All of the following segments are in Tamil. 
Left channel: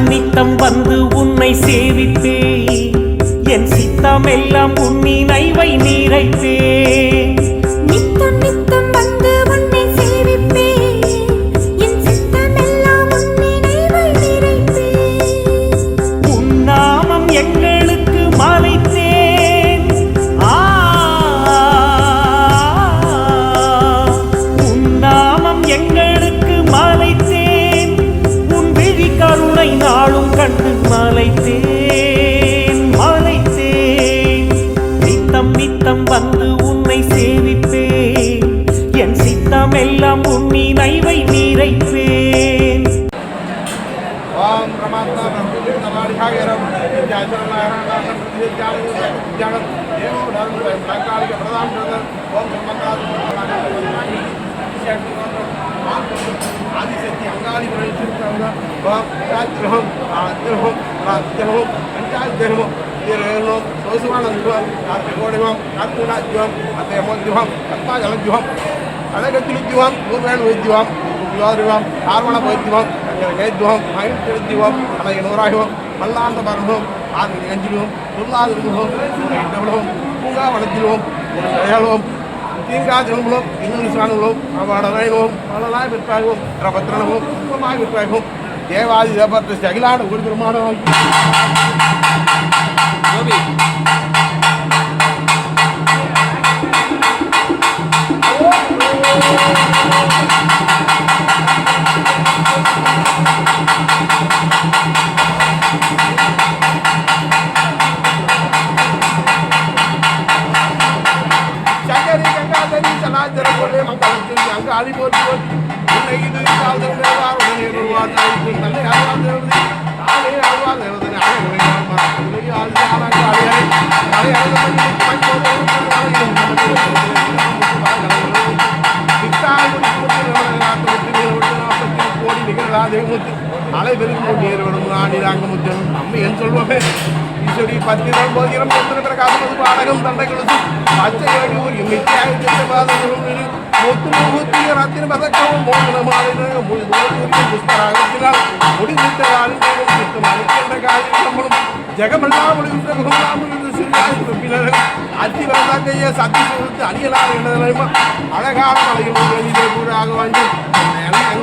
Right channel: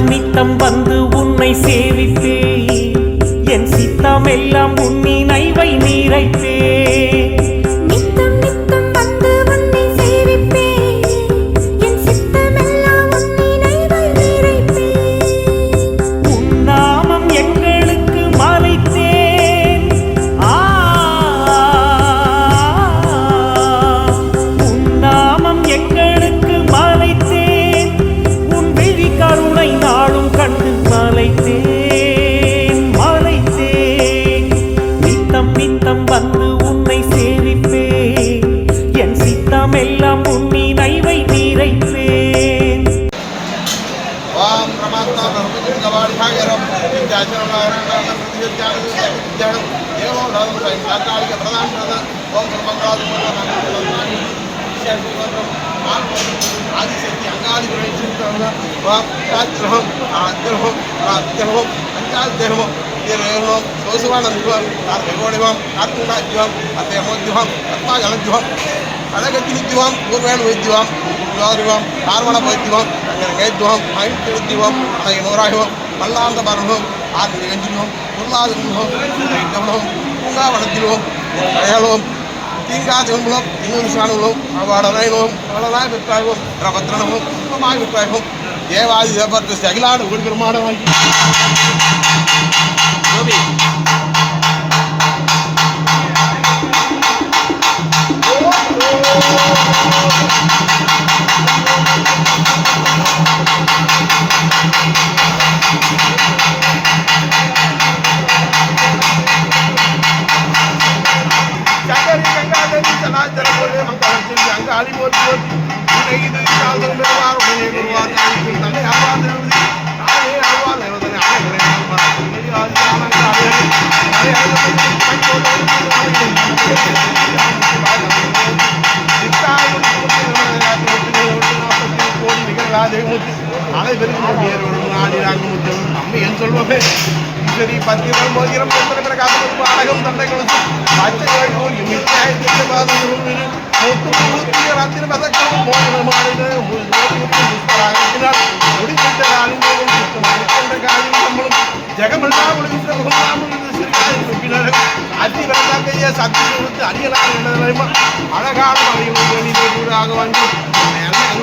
சந்நித்தம் வந்து உன்னை சேவித்தே என் சித்தமெல்லாம் உன்னினைவை நீரைப்பேன். கண்டு மலைத்தேன் மலைத்தேன். நித்தம் நித்தம் வந்து உன்னை சேவிப்பேன். என் சித்தமெல்லாம் உன் நினைவை நீரைப்பேன் ஓம் பிரமாத்மா லாதம் பிரதான ஓம் பிரம்மகாது ஆதிசக்தி அங்காதிகளை ஓம் ராத்திரஹம் ஆத்திரஹம் ராத்திரஹம் பஞ்சாத்திரஹம் திருஹம் சோசுவானந்திவம் ஆத்திரோடிவம் ஆத்மநாத்யம் அத்தேமோத்யுவம் ஆத்மாஜலத்யுவம் அழகத்தினித்யுவம் பூர்வேணு வைத்தியம் யோதிவம் பார்வண வைத்தியம் வைத்தியம் மகிழ்ச்சிவம் அதை நூறாகவும் மல்லாந்த பரமும் ஆறு நெஞ்சிலும் பொருளாதாரமும் கவனம் பூங்காவனத்திலும் ஏழும் தீங்காஜனங்களும் இன்னொரு சாணங்களும் அவடனைகளும் அவளதாய் விற்பாகவும் பிரபத்திரனும் சுத்தமாய் தேவாதி தேவத்தை சகிலாட ஒரு பெருமாடமாகி ஆலே சரி பத்து போதிரம் பிரகாசம் அழகும் தந்தைகளும் அச்சை ராத்திரி மதக்களும் அழகான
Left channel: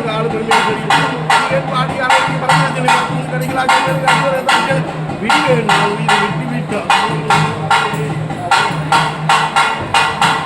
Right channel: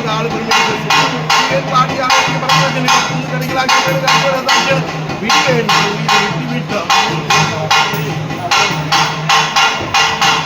ஆளு பெருமை பாடி கிடைக்கலாம்